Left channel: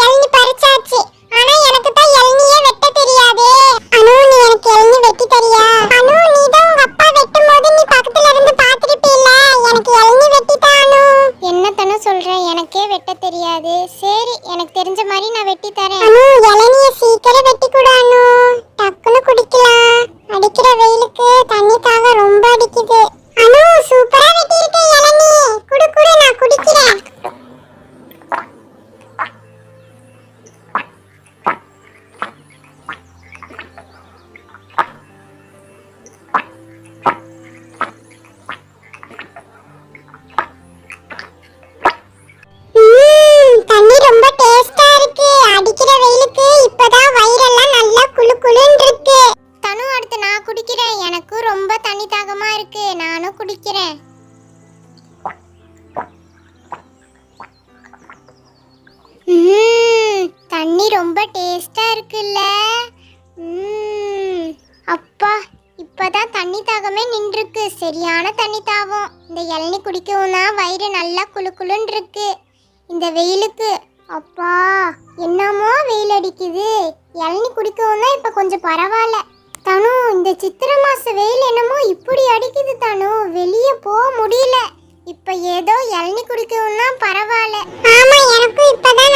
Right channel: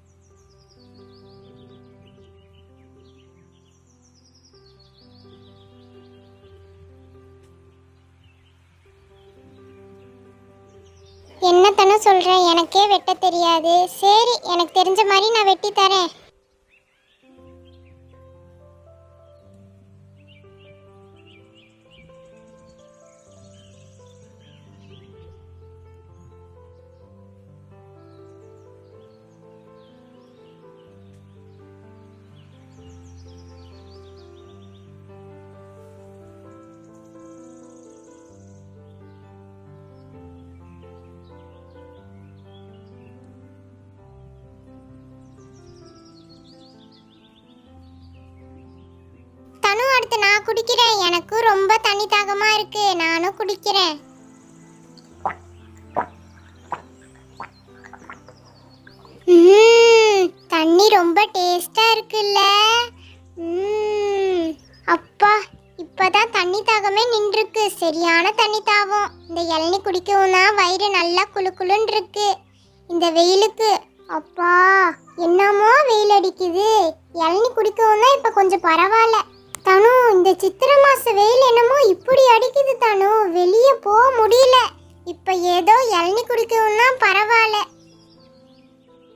இளநீ பறிச்சாச்சு. ஆனா எனக்கு தான் இளநியே வெட்ட தெரியாதே. அனு நீ எனக்கு இளநீ வெட்டி தரியா? அனு நீ தான் உங்க அப்பா வெட்டும்போது நீ பக்கத்துல இருந்து பாத்துக்கிட்டீல. எனக்கு இளநீ வெட்டி தா அனு. என்ன தன சொல்ற? எனக்கே வெட்ட தெரியாது. சரி எனக்கு தெரிஞ்ச மாதிரி நான் வெட்டி தரேன். அனு இளநிய சீக்கிரம் வெட்டி கொடு அனு. டக்குன்னு குடிக்கலாம். அடிக்கிற வெயிலுக்கு தண்ணி தாக ரொம்ப அடிக்குது. அனு சூப்பரா வெட்டி இருக்க இளநீ. குடு குடு நான் குடிக்கிறேன். தண்ணி ரொம்ப டேஸ்டா இருக்கு. அடிக்கிற வெயிலுக்கு இப்பதான் வயிறெல்லாம் நல்லா குளு குளுன்னு இருக்கு. தனு அடுத்து நான் குடிக்கிறேன். எனக்கு ரொம்ப தண்ணி தாகமா இருக்கு. நானும் குடிக்கிறேன். தண்ணி ரொம்ப டேஸ்டா இருக்குல்ல. அப்பா இப்பதான் தண்ணி தாகமே நின்றுருக்கு. சரியான தண்ணி தாகம். இந்த இளநீ குடிக்கவும் தான் வயிறு நல்லா குளு குளுன்னு இருக்கு இந்த வெயிலுக்கு. அப்பா என்னமோ வெயில் அடிக்குது. இளநீ குடிக்கவும் தான் இப்ப கொஞ்சம் பரவாயில்ல. தனு இந்த சித்திரை மாச வெயில் என்னமோ இப்படி அடிக்குது தனு. வெளியே போக முடியல. இப்ப ஏதோ இளநீ குடிக்கவும் தான் பரவாயில்ல. ஆமா எனக்கும் இப்பதான்